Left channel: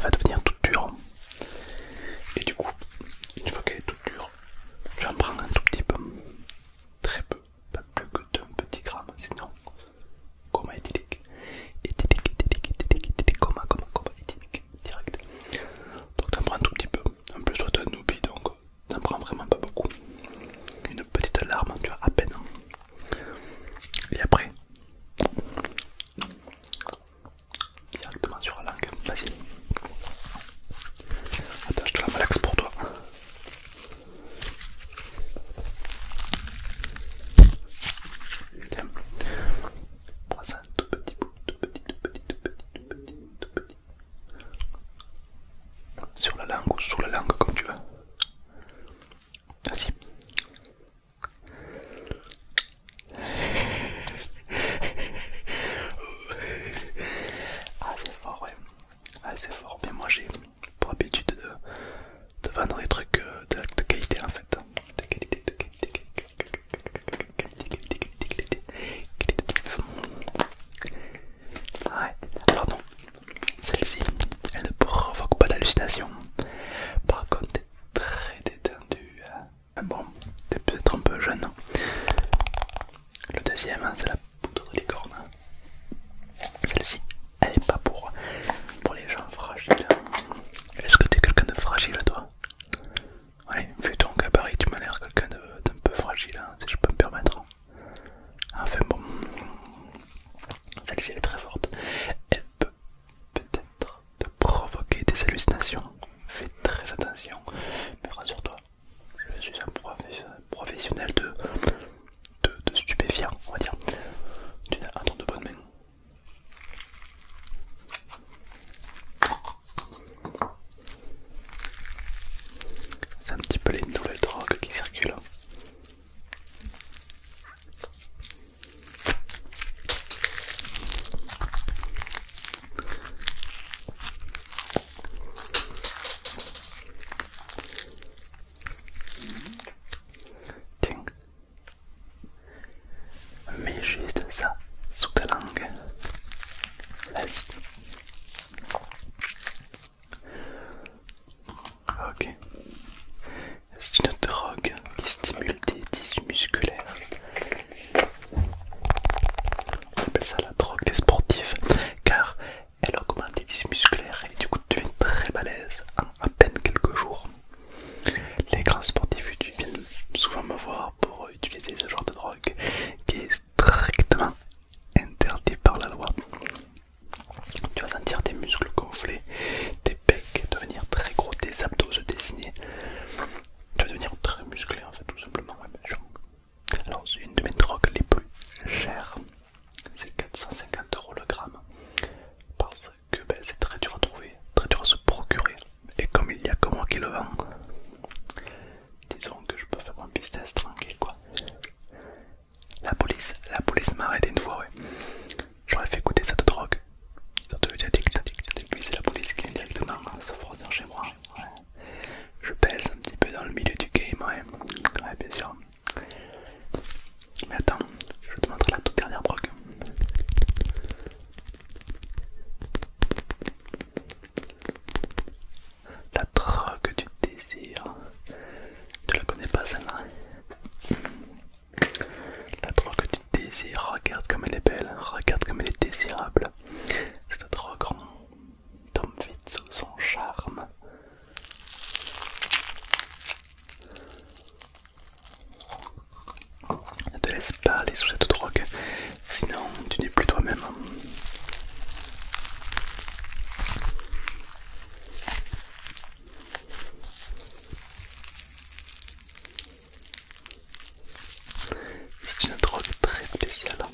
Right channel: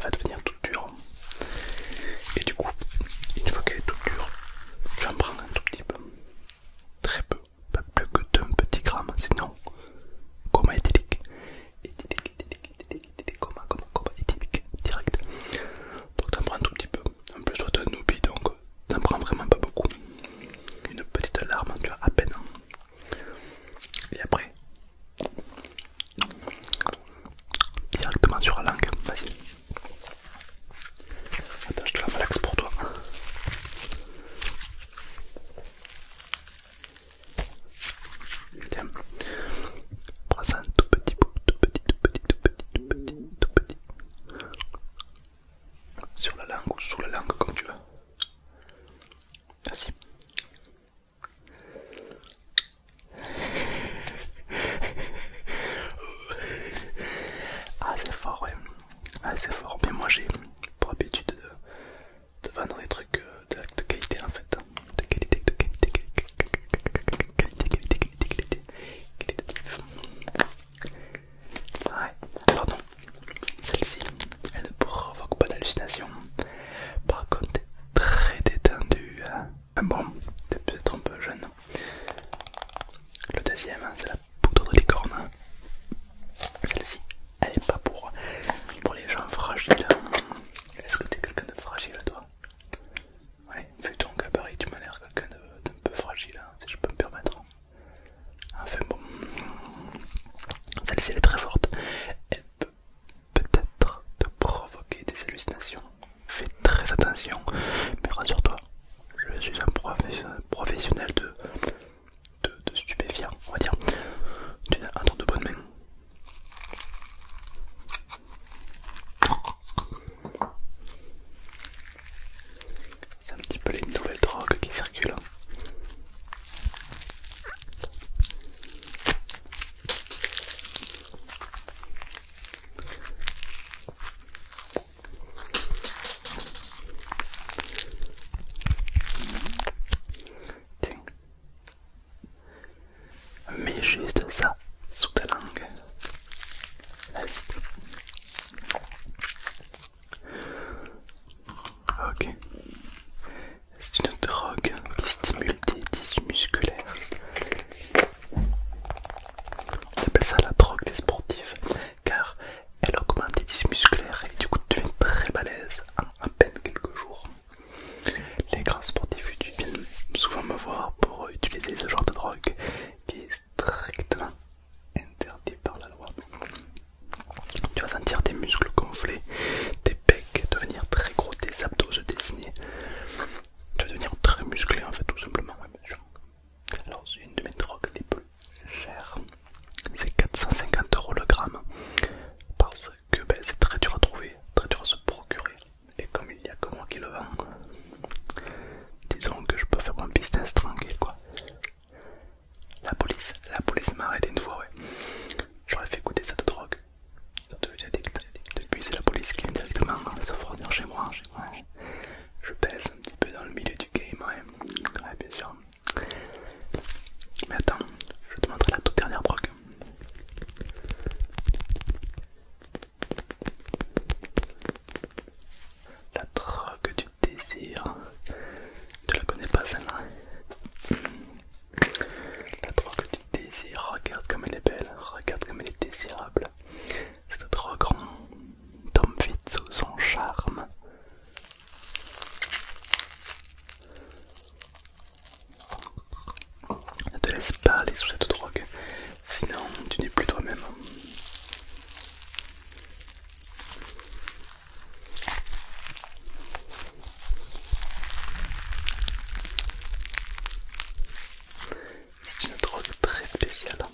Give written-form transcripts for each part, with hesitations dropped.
elle va devenir toute dure. Et du coup, une fois qu'elle est toute dure, tu en prends un tout petit peu, très peu, pas plus que d'un petit gramme, sinon coma éthylique, coma éthylique, direct. Donc t'en prends un tout petit peu. En plus toi t'es un oubli, donc t'en prends vraiment pas beaucoup. Une petite larme, tu vois, à peine. Et après, directement sur la langue, vas-y. Attends, je te la malaxe pour toi. Tiens, prends ça un tout petit bout, tout petit, tout petit, tout petit, tout petit, tout petit. Sur la langue ou sous la langue, comme tu veux. Vas-y. Ah, c'est fort, ouais. Ah, c'est fort. Mais moi, j'ai pour habitude de vendre des trucs de qualité en fait. De qualité, de qualité, qualité. Ouais. Alors non, celle-ci, elle ne provoque pas d'hallucination. Par contre, t'es très détendu. Bon, t'es peut-être un peu jeune. Le deuxième, c'est la poudre de licorne. Celle-ci, elle est pas pour les gens fragiles. Est-ce que t'es quelqu'un de fragile, toi? Ouais, vu ton gabarit, tu m'as l'air quelqu'un d'un peu fragile, hein, si je peux me permettre. Enfin bon, celle-ci elle est très forte. Elle peut peut-être te provoquer des hallucinations. Fais très attention, mais rassure-toi, je suis un professionnel de stupéfiants, on va dire. Tu as un tour de bonne main. C'est un petit peu les nouvelles drogues qui circulent. Tiens, mets juste ça sous ta langue. Vas-y. Ok. C'est une drogue qui stimule des tissus musculaires. On appelle ça la drogue des sportifs car elle augmente les tissus musculaires et du coup tu deviens très balèze en à peine quelques jours. Les grands sportifs viennent souvent me voir pour utiliser ce genre de drogue qui est strictement interdit par la loi. Tu vas sentir tes muscles gonfler, tes pecs devenir très gros, tes abdos se dessiner. Tu vas devenir très musclé en fait, tout simplement. Alors c'est une de mes drogues les plus chères. C'est 450 € le gramme. Parce que c'est très dur à trouver, très dur à se procurer. Et comme il n'y a que moi qui le vends, disons que je peux faire mon business tranquille quoi. La police m'a arrêté une fois, ouais. J'aurais fait goûter cette drogue. Puis c'est la police qui vient directement se fournir chez moi. Ouais. Je pèse un petit peu dans le milieu du game, ouais. Ouais, bien sûr. Mais attends, je te montre la toute dernière drogue. La drogue du désir. Tu la connais pas celle-là? La drogue du désir, regarde comme elle est belle, regarde comme elle est désirable. Cette drogue tombe vite sous son charme. Ne te laisse pas aller sous cette drogue, sinon tu n'es plus toi-même. C'est une drogue très spéciale.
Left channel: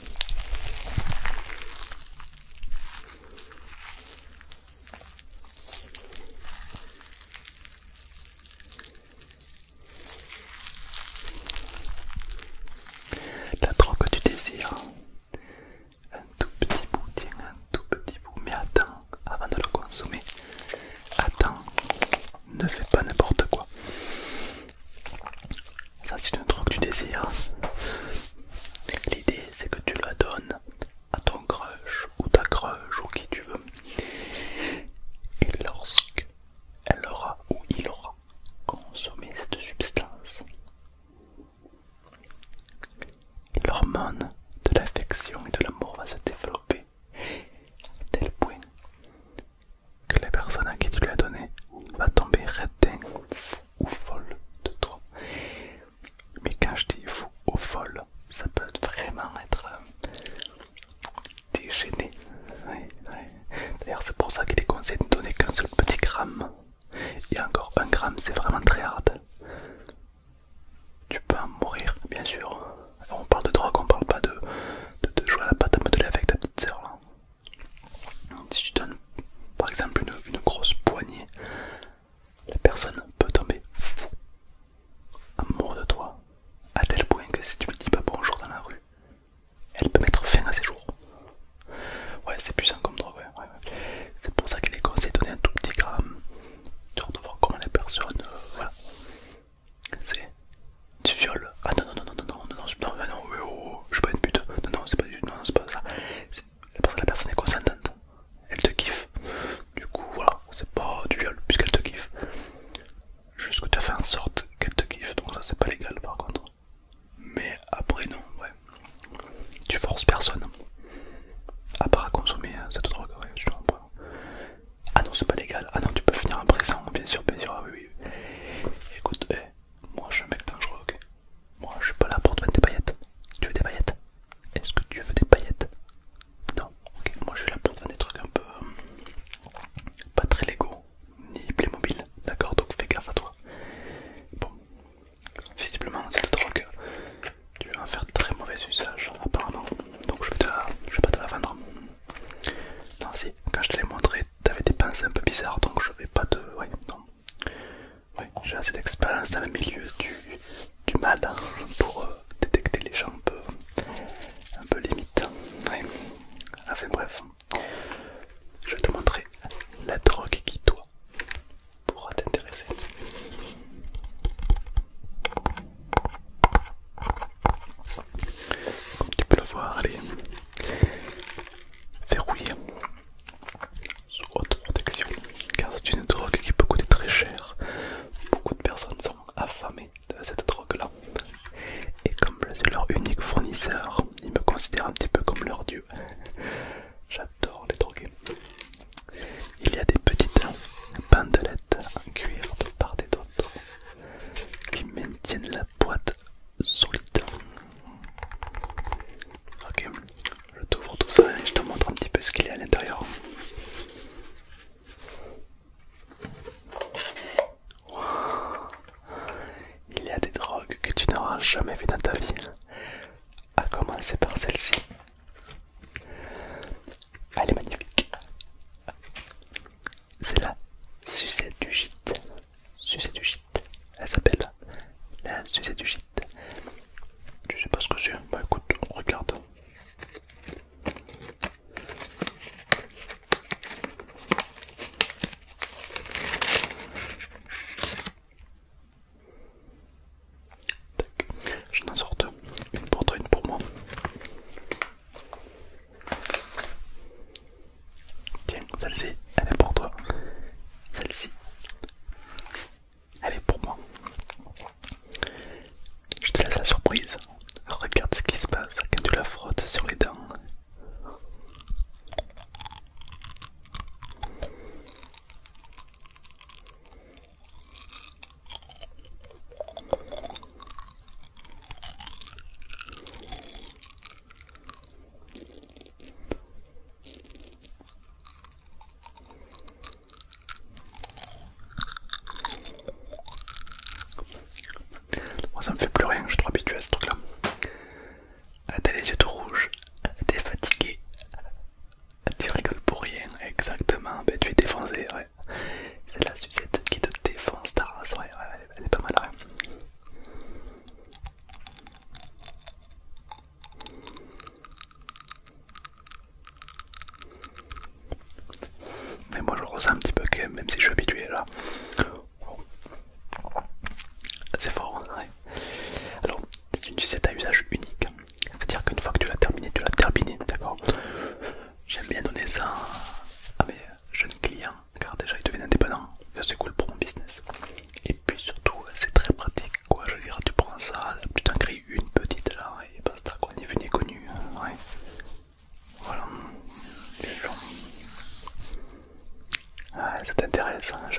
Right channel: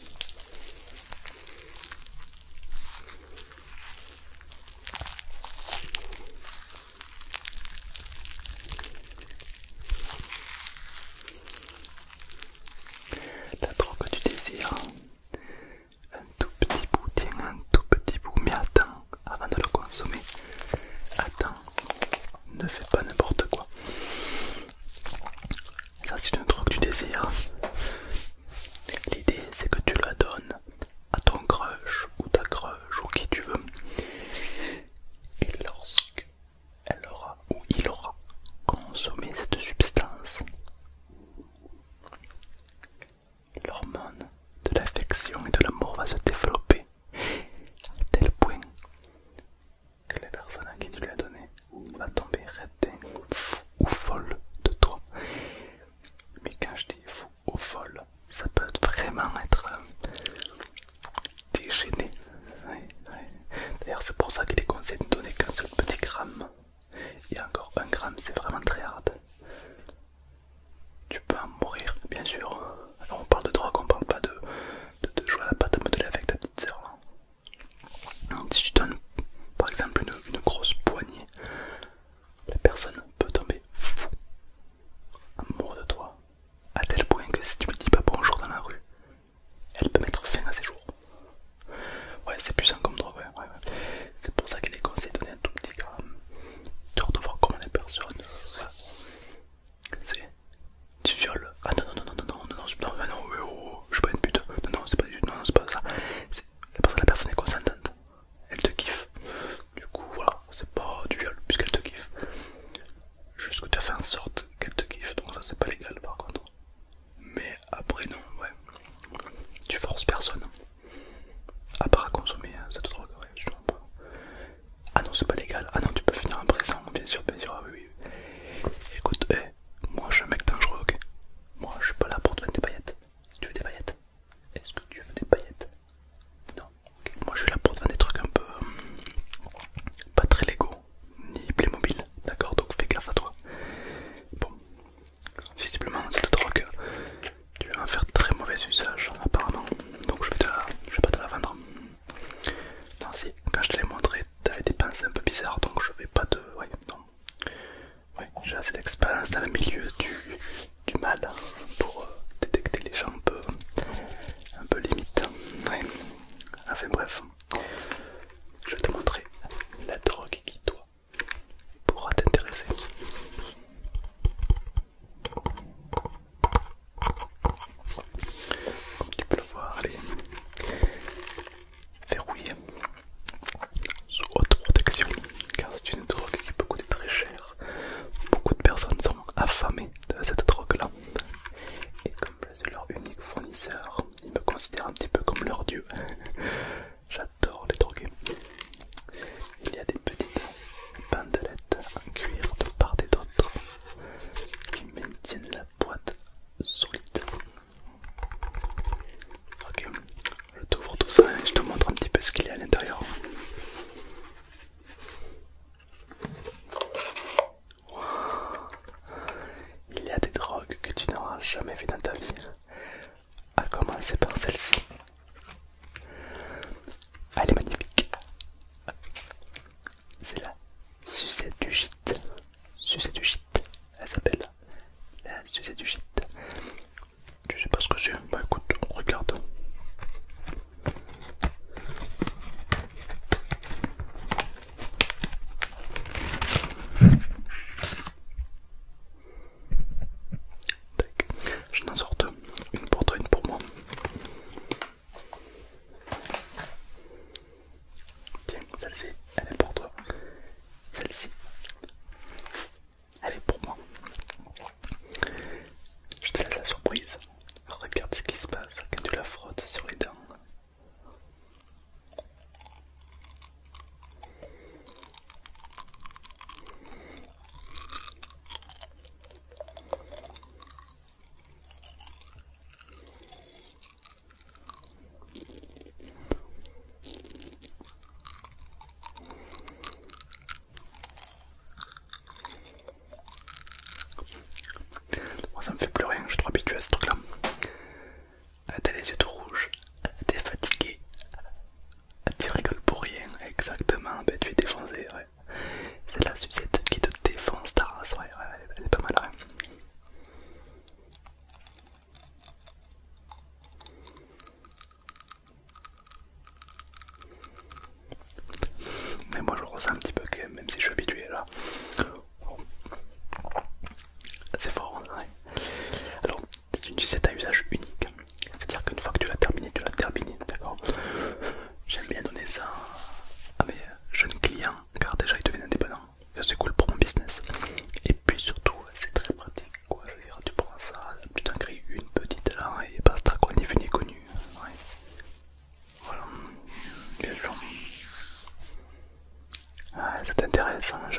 La drogue du désir. Un tout petit bout, tiens, un tout petit bout. Mais attends, avant de le consommer, attends, ne fais pas n'importe quoi. Ça c'est une drogue du désir. L'idée c'est que tu la donnes à ton crush ou ta crush ou qui tu veux. Et lorsque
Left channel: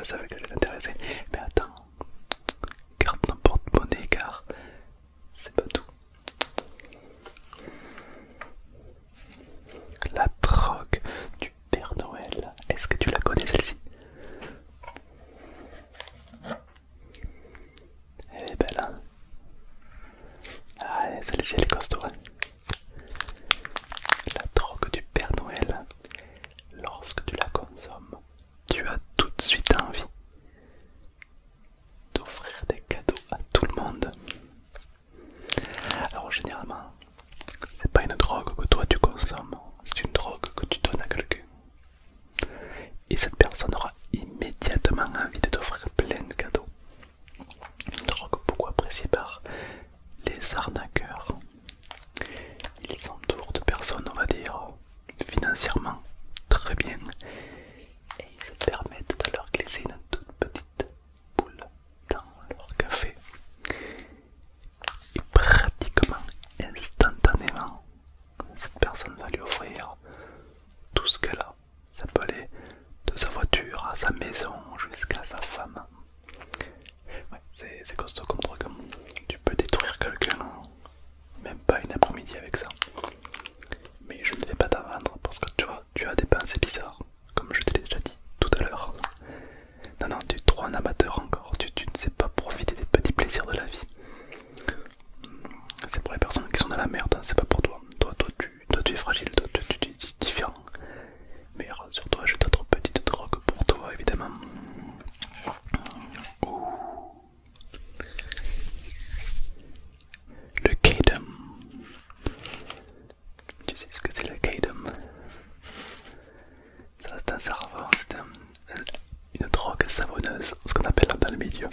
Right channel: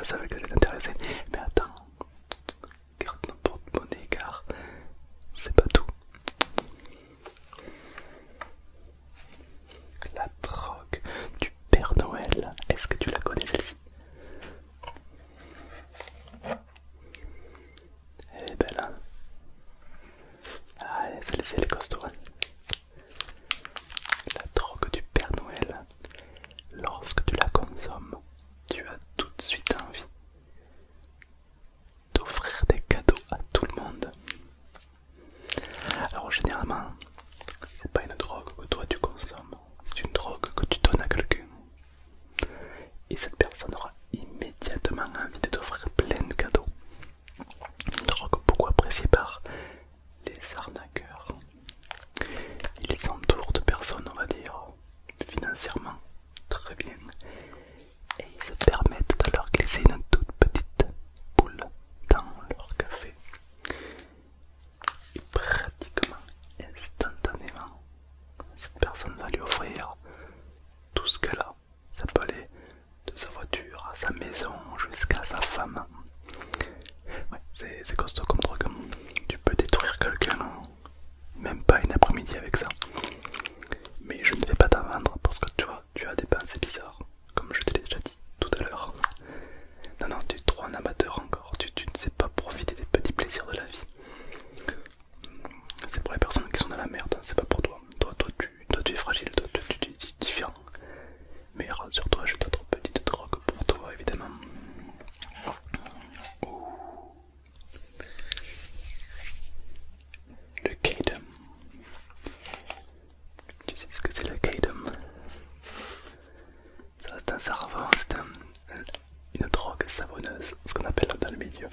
savais que ça allait t'intéresser. Mais attends, garde ton porte-monnaie car c'est pas tout. La drogue du Père Noël, est-ce que tu la connais celle-ci? Elle est belle, hein? Ah, celle-ci elle est costaud. Hein. La drogue du Père Noël, lorsque tu la consommes, tu as tout de suite envie d'offrir des cadeaux à tout le monde. Alors généralement, c'est pas une drogue que toi tu consommes, c'est une drogue que tu donnes à quelqu'un. Et cette personne aura immédiatement envie de t'offrir plein de cadeaux. Une drogue beaucoup appréciée par les arnaqueurs. Ils s'entourent de personnes, on va dire, financièrement très bien. Et ils se permettent de leur glisser une toute petite boule dans leur café. Et pratiquement instantanément, cette personne va lui offrir tout ce qu'elle a. Ça peut aller de sa voiture à sa maison jusqu'à sa femme. Ouais, c'est costaud comme drogue. Tu peux détruire quelqu'un, même pas une après-midi avec ça. Mais je ne vais pas t'en vendre parce que tu vois, tu as des pensées bizarres, comme je te l'ai déjà dit tout à l'heure. Non, non, tu es trop un amateur encore, tu ne sais pas profiter des petits plaisirs de la vie. C'est pour les personnes qui sont dans la merde, c'est pas pour toi. Toi tu es fragile, toi tu es différent. Mais rassure-toi, j'ai d'autres petites drogues pour toi évidemment. Ouh. Le Kadam. Tu sais ce que c'est le Kadam? C'est un savon, c'est une drogue savonneuse, ce qu'on appelle dans le milieu.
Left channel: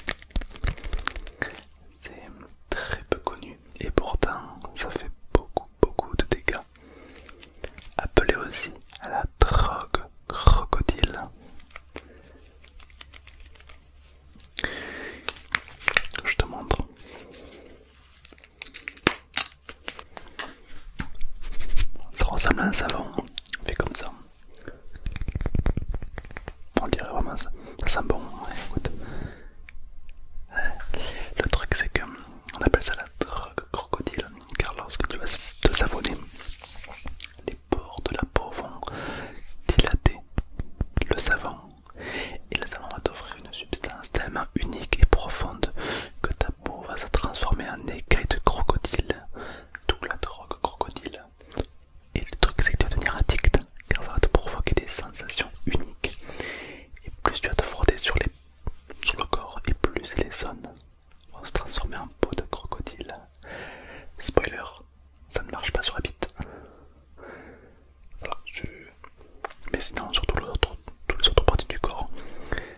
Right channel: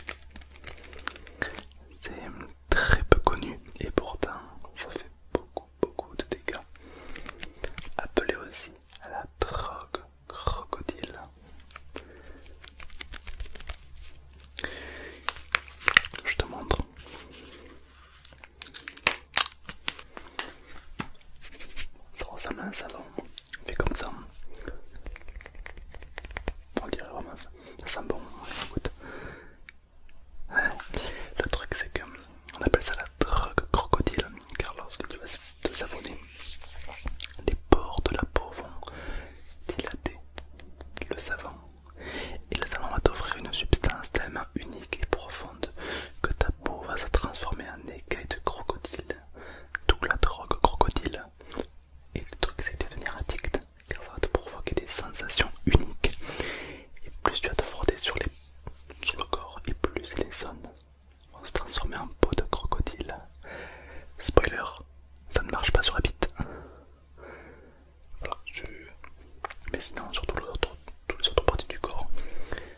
C'est très peu connu et pourtant ça fait beaucoup de dégâts. Appelé aussi à la drogue crocodile. Je te montre. Ça ressemble à un savon, fait comme ça. On dirait vraiment ça. Ça sent bon, ouais, écoute. Le truc c'est que on appelle ça la drogue crocodile car lorsque tu vas te savonner, les pores de la peau vont dilater le savon et le savon va t'offrir une substance tellement unique et profonde que ta peau va se transformer en écaille de crocodile, d'où la drogue crocodile. Et le truc c'est que tu vas devenir addict car ça va te provoquer des sensations uniques et plus tu vas te frotter sur le corps et plus les zones vont se transformer en peau de crocodile. Spoiler, ça ne marche pas sur la bite. Voilà, mais sinon sur toutes les autres parties du corps,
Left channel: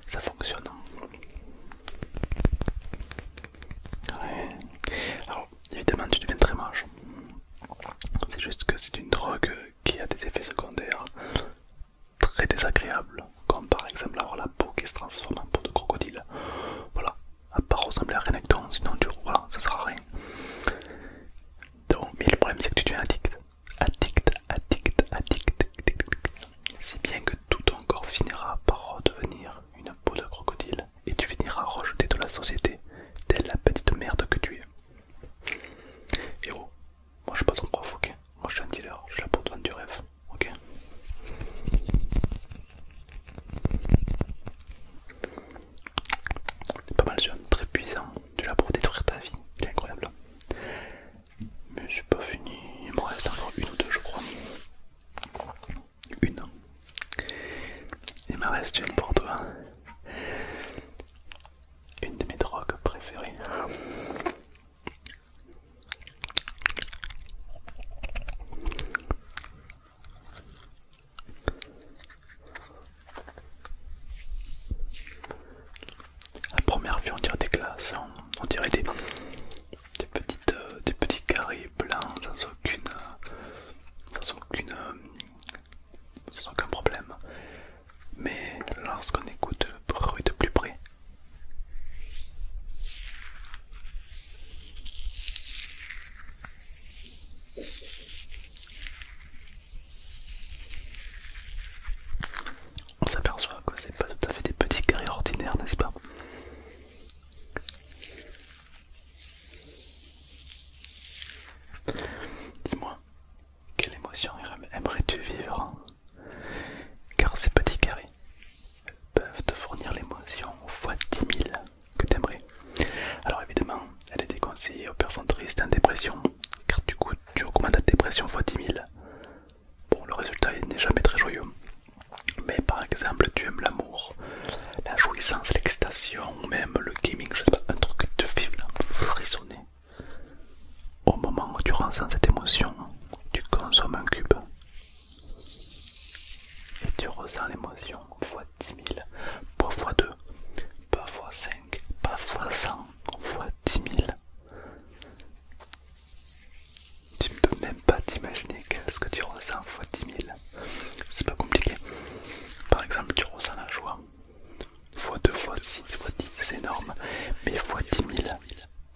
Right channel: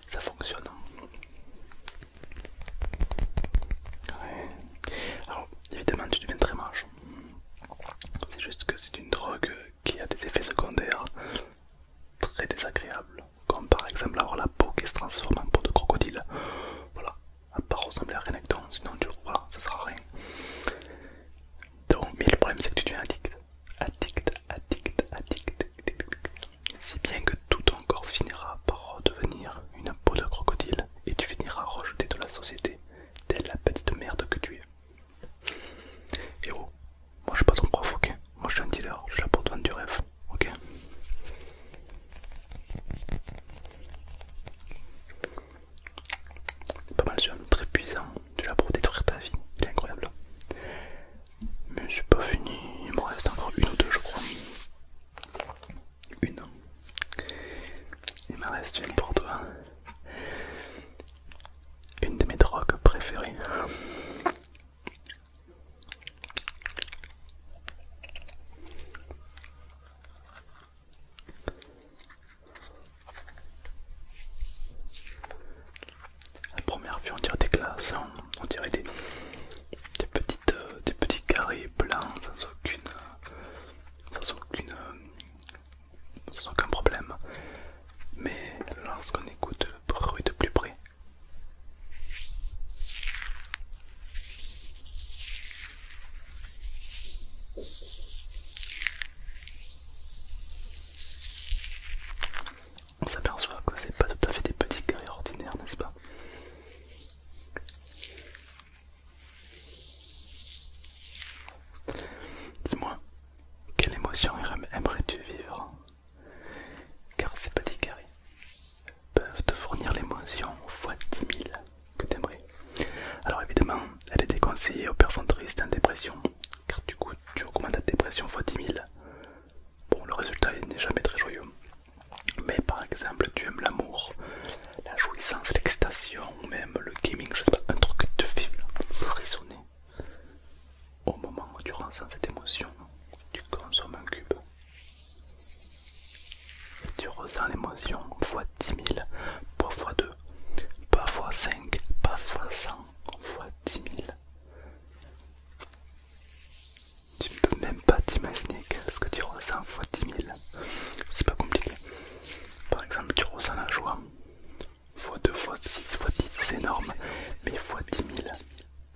ça fonctionne. Ouais. Alors évidemment tu deviens très moche. C'est juste que c'est une drogue qui a des effets secondaires très désagréables, comme par exemple avoir la peau qui se transforme en peau de crocodile. Voilà, à part ressembler à rien avec toi, sinon voilà, ça sera rien. Donc, mais le problème c'est que tu deviens addict. Si bien que tout ton corps finira par devenir une peau de crocodile et tu finiras rejeté de la société, telle la petite merde que tu es. Et oh, moi je suis pas ton prof, ok? Moi je suis un dealer, je suis là pour te vendre du rêve, ok? C'est pas mal celui-là, très puissant, tu es là pour détruire ta vie, il est incroyable. Mais c'est pas fini, il me reste encore une ou deux je crois. Une. Il me reste une pour toi. Une de mes drogues préférées. À première vue on dirait des glaces, hein. On dirait des petits carrés blancs sans aucun problème. Mais lorsqu'on écoute le bruit de plus près, on s'aperçoit que c'est pas tout à fait des petits carrés ordinaires, fois 10 000 que t'aimerais. Alors évidemment, elle est déconseillée aux personnes tristes et en dépression, car du coup tu augmentes ta dépression fois 10 000. Bon, le résultat n'est jamais très joyeux. Mais par exemple, tu aimes l'amour, la jouissance, l'excitation, ou même le gaming, je sais pas, un truc qui te fait frissonner. Au moment où tu ressens cette émotion, tu consommes un cube. Et tu ressens l'émotion fois 10 000, pas fois 2, pas fois 5, pas fois 100, fois 10 000. Tu ne peux même pas t'imaginer ce que tu ressens fois 10 000. C'est pas compliqué. Par exemple, tu ressens la joie fois 2, fois 6, fois 10, c'est énorme. Mais fois 10 000,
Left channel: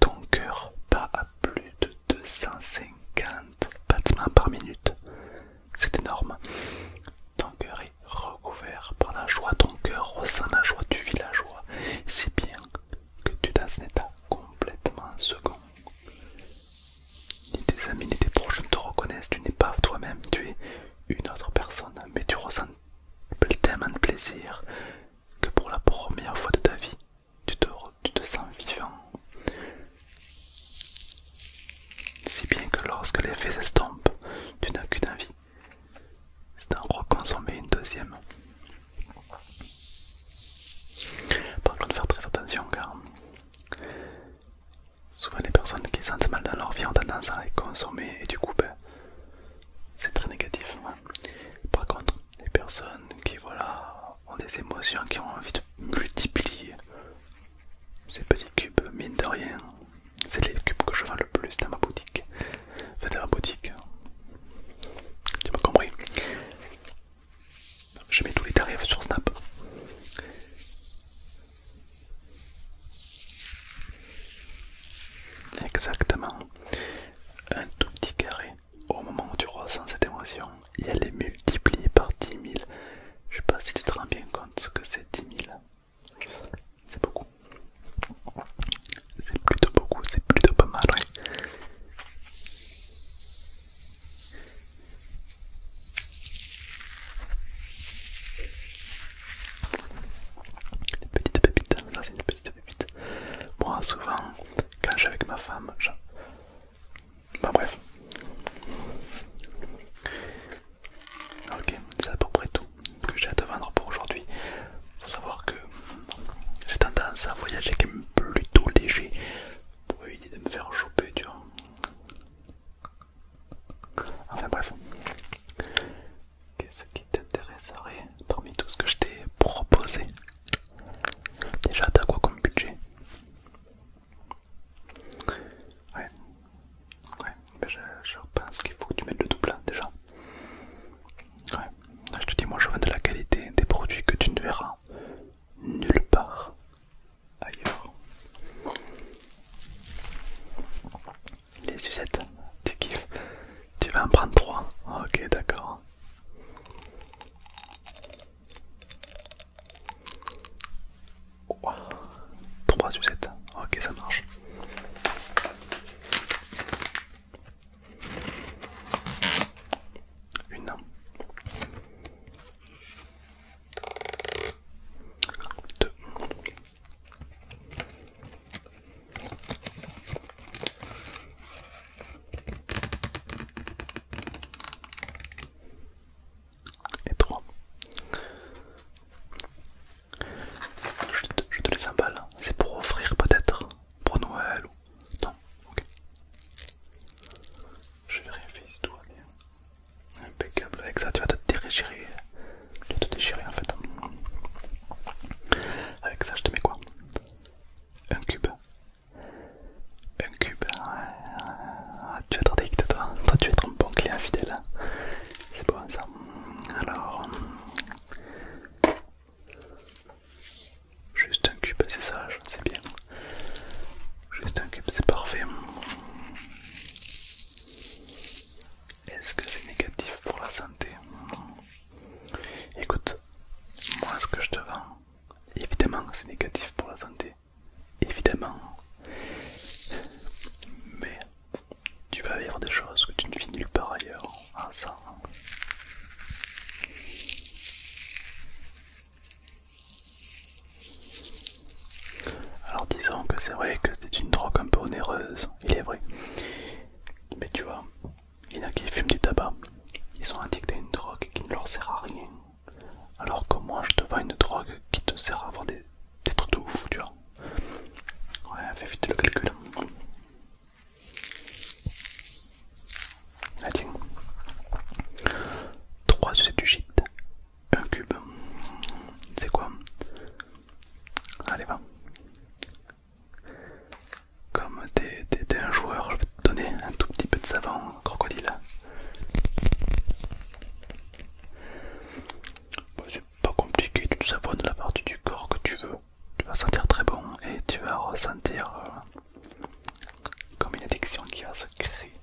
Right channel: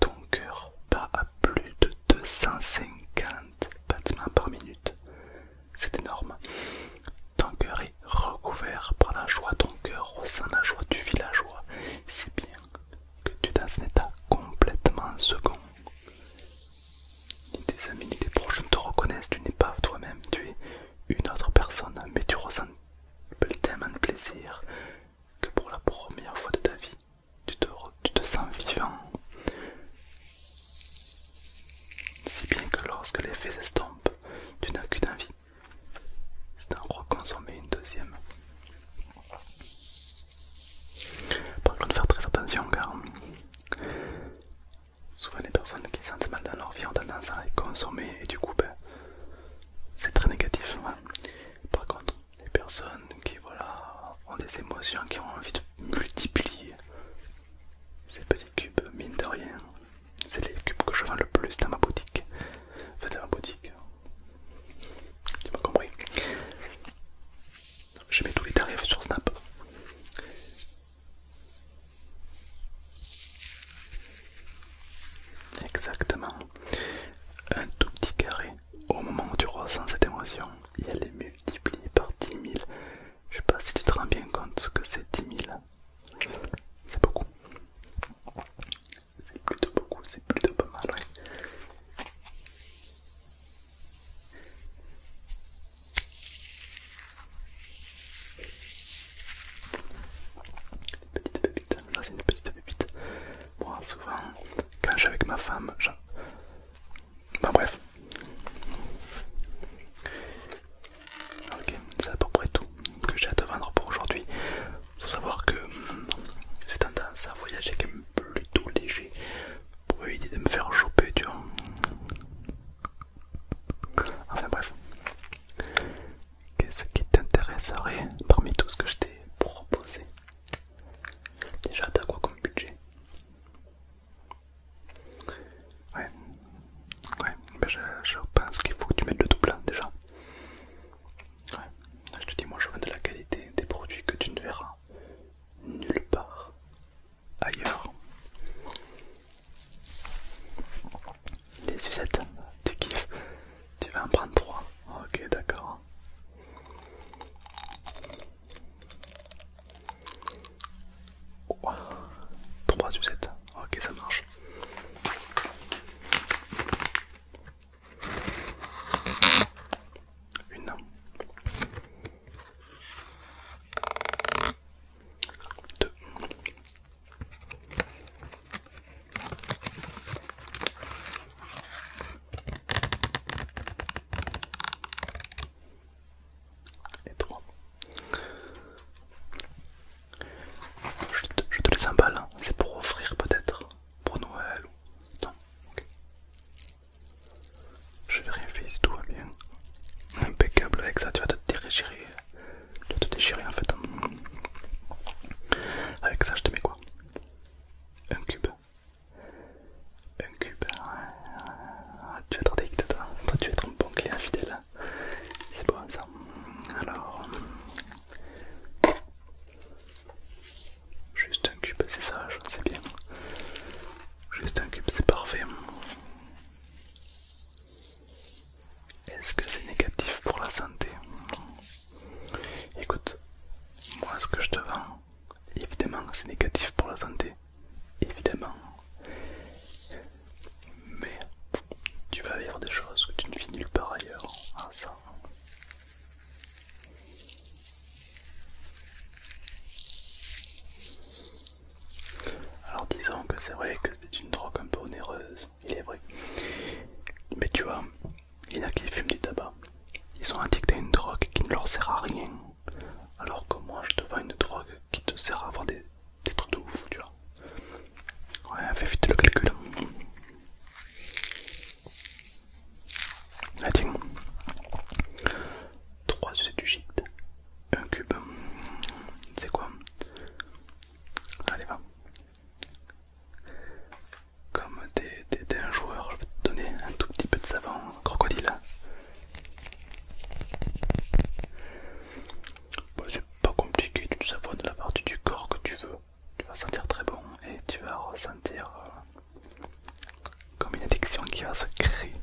ton cœur bat à plus de 250 battements par minute. C'est énorme. Ton cœur est recouvert par la joie. Ton cœur ressent la joie, tu vis la joie. Si bien que tu es dans un état complètement second. Ni tes amis ni tes proches ne te reconnaissent, tu n'es pas toi-même, tu es une autre personne, mais tu ressens tellement de plaisir que pour la première fois de ta vie, tu te sens vivant. Si bien que lorsque l'effet s'estompe, tu n'as qu'une envie, c'est d'en reconsommer une deuxième. Par contre, faire très attention car souvent les personnes qui sentent mal dans leur vie ont tendance à les consommer et du coup c'est très négatif. Hein. Par contre, les personnes qui ont des émotions, qui ont envie de multiplier ces petits cubes, mine de rien, c'est les cubes que je vends le plus dans ma boutique. Enfin dans ma boutique, tu m'as compris. Je mets tous les tarifs sur Snap. Exactement. Un tout petit carré. Au moment où tu ressens cette émotion, et elle est multipliée par 10 000. Je sais pas si tu te rends bien compte que c'est 10 000. C'est beaucoup. C'est plutôt beaucoup, c'est plutôt pas mal. Ouais. Des petites pépites, ça c'est une petite pépite. Moi souvent, quand je suis avec ma femme, bah bref. Ok, c'est à peu près tout que j'ai à te vendre pour aujourd'hui. Il faut savoir que j'ai tendance à voyager quand même plutôt léger pour éviter de me faire choper, tu vois. Enfin bref. Qu'est-ce qui t'intéresserait parmi tout ce que je t'ai proposé? Déjà, t'as quoi comme budget? Ouais, ouais, ben je pense qu'il faut que tu mettes le double hein, déjà. Ouais, je te dis, moi je vends de la qualité, des produits que tu ne verras nulle part ailleurs. c'est vrai que c'est une drogue un peu onéreuse, il est vrai. Mais tu vois, il y en a qui fument du tabac. Ils sont addicts à une drogue qui ne leur sert à rien. Alors que moi, je te vends une drogue qui te sert à avoir des trucs de ouf, tu vois. Ouais, fais vite le calcul. Ah tiens, 3 sucés du shit, un cube. C'est quoi? Allez, va. Comme t'es un joueur, je vais te donner un tout petit peu de savon crocodile. Bon, c'est pas compliqué, tu savonnes la partie du corps que tu veux. Tu vas sentir très bon et tu vas ressentir comme une addiction qui va se créer.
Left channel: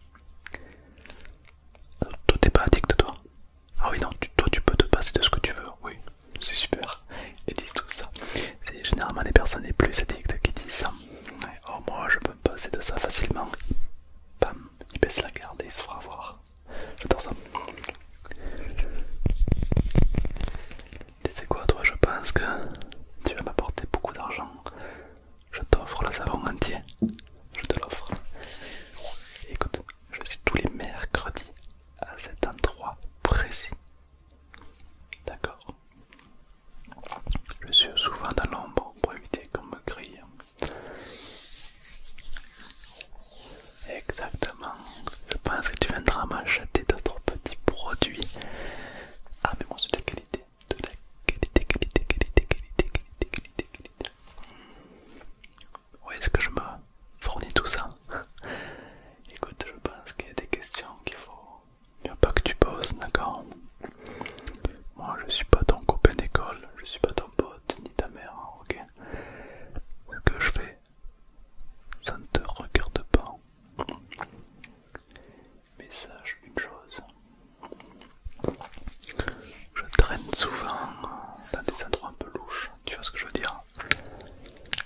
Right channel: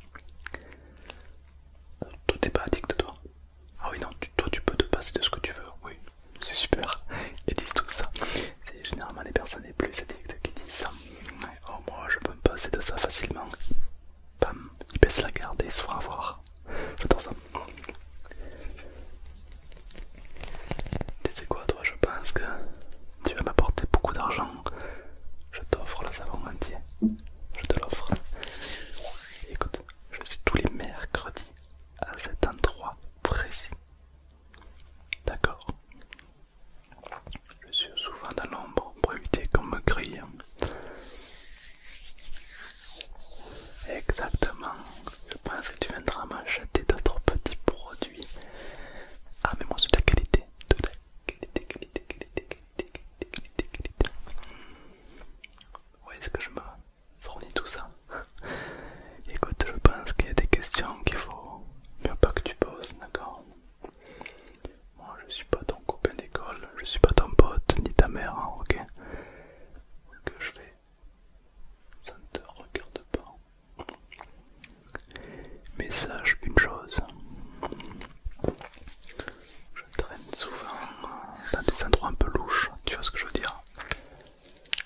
Toi t'es pas addict toi? Ah oui non, toi tu peux te passer de ce que tu veux, oui, c'est super. Ils disent tout ça. C'est généralement les personnes les plus addictes qui disent ça. Ouais, oh moi je peux me passer de ça facilement. Bam, ils baissent la garde et ils se font avoir. J'adore ça. Tu sais quoi toi, je pense que tu vas m'apporter beaucoup d'argent. Je t'offre le savon entier. Je te l'offre. Écoute, je suis tous les mercredis à cet endroit précis. D'accord? Je suis souvent dans l'ombre pour éviter qu'on me grille. Exactement. Je pense que tu viendras m'acheter d'autres petits produits. Ah mais moi c'est de la qualité. De la qualité, qualité, qualité, qualité, qualité, qualité, qualité. Où est-ce que je me fournis tout ça? Écoute, je pense qu'il y a des questions qu'il faut bien pas que tu poses, d'accord? Moi je suis pas ton copain d'école, je suis pas ton pote ni ta mère, hein, ok? Ce que je fais, ça ne te regarde pas. Mais sache une chose, je traîne souvent dans des endroits un peu louches, tu vois ce que je veux dire?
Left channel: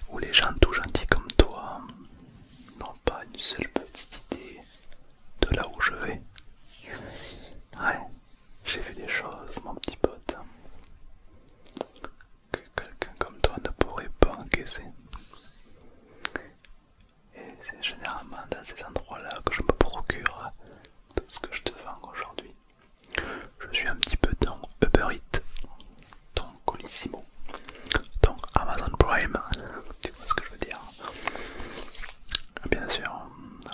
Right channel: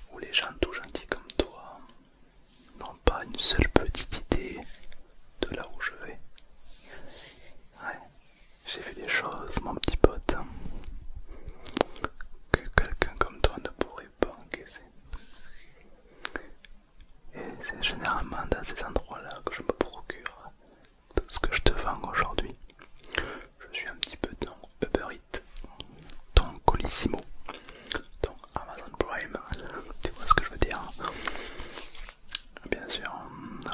Où les gens tout gentils comme toi n'ont pas une seule petite idée de là où je vais. Ouais, j'ai vu des choses, mon petit pote, que quelqu'un comme toi ne pourrait pas encaisser. Et c'est généralement dans ces endroits-là que je me procure tout ce que je te vends aujourd'hui. Je suis un petit peu ton Uber Eats, ton Colissimo, ton Amazon Prime, tu vois ce que je veux dire? Bien sûr,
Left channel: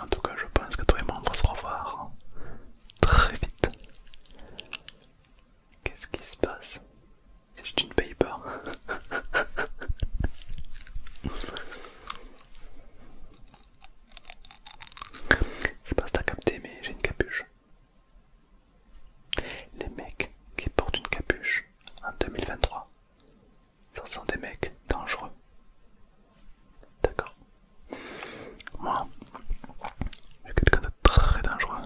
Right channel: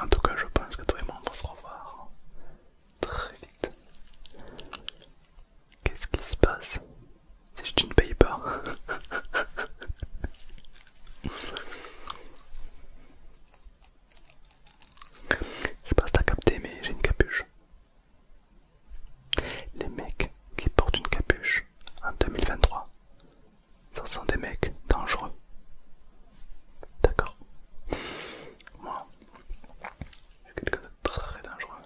en tout cas je pense que toi et moi on va se revoir très vite. Qu'est-ce qui se passe si tu ne payes pas? Je sais pas si t'as capté mais j'ai une capuche. Les mecs qui portent une capuche en 2023, ce sont des mecs dangereux. D'accord? Moi, je suis quelqu'un de très dangereux.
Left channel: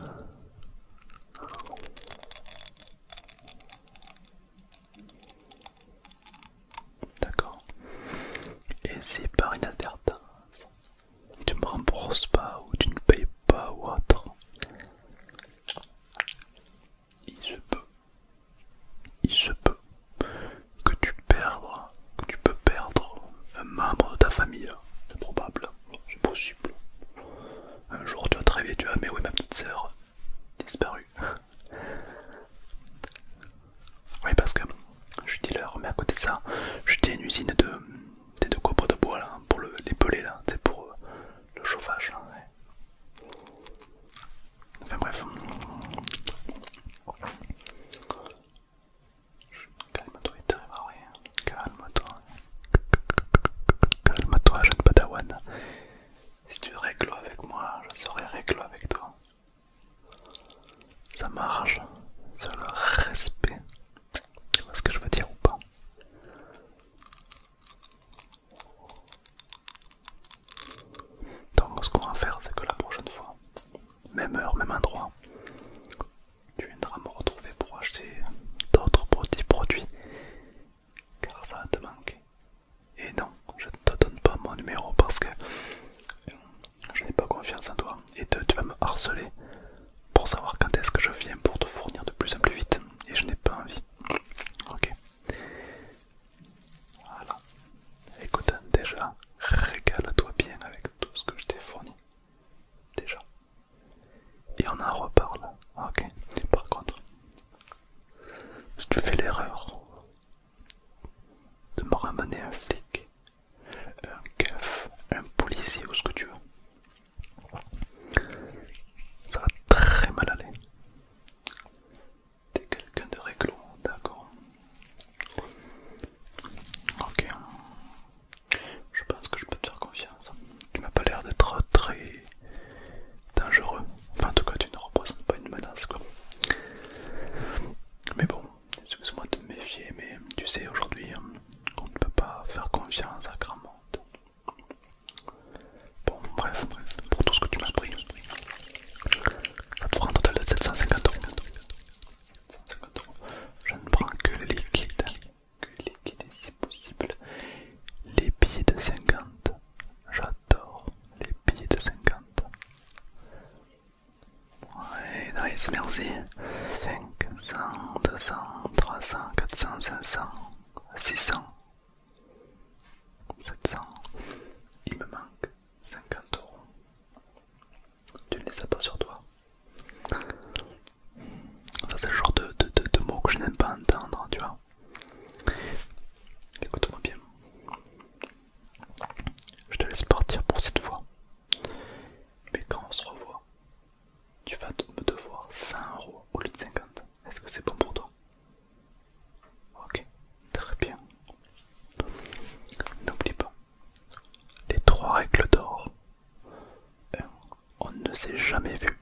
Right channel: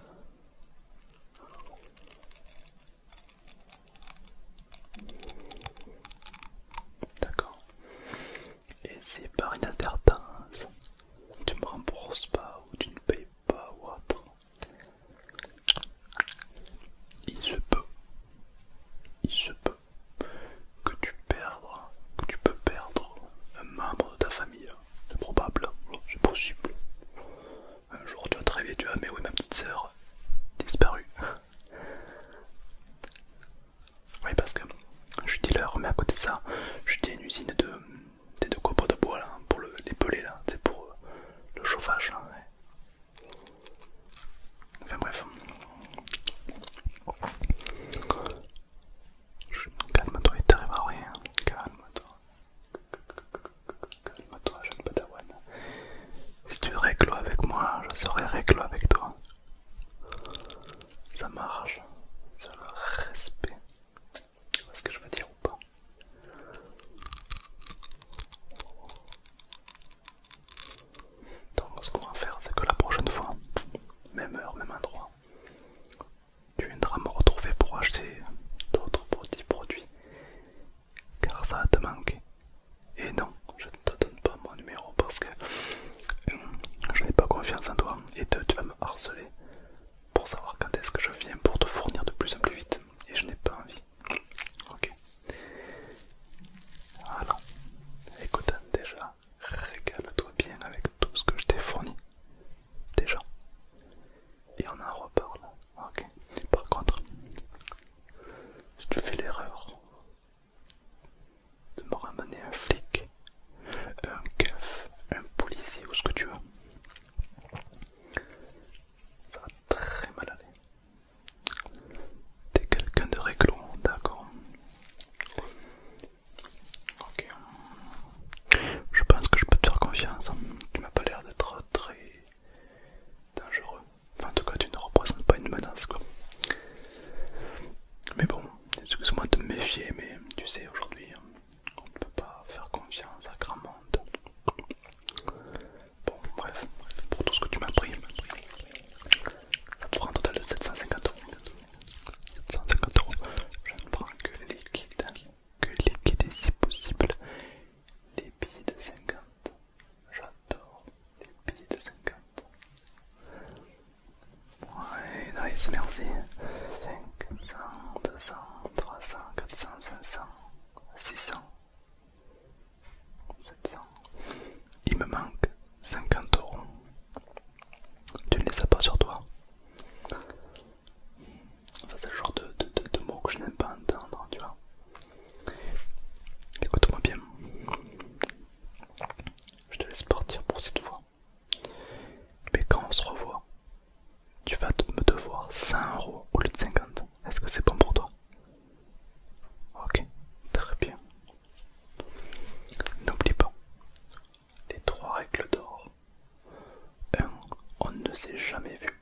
D'accord? Et si par inadvertance, tu me rembourses pas ou tu ne payes pas ou autre, il se peut que tu peux perdre un membre de ta famille. C'est probable, c'est possible. Un jour tu vas te réveiller, tu vas, mais oui ma petite sœur disparue. Oui parce que je suis dealer, mais à côté de ça, je tiens une usine de copeaux de bois là, pour les pelets là, c'est pour le chauffage là, ouais. Enfin bref. Calme-toi, il t'arrivera rien. Calme-toi. Calme-toi, jeune padawan. Si tu règles avec moi, je serai règle avec toi. Ça marche. C'est le respect. Tu vois ce que je veux dire ou pas? Donc ce qu'on va faire, c'est que la prochaine fois, même heure, même endroit, tu viendras me retrouver pour acheter d'autres petits produits, car ça va te manquer. Et non, je ne te donne pas mon numéro parce que je n'ai pas confiance en toi. Et tu vas me harceler pour savoir quand est-ce que je viens pour te fournir s'est jamais vu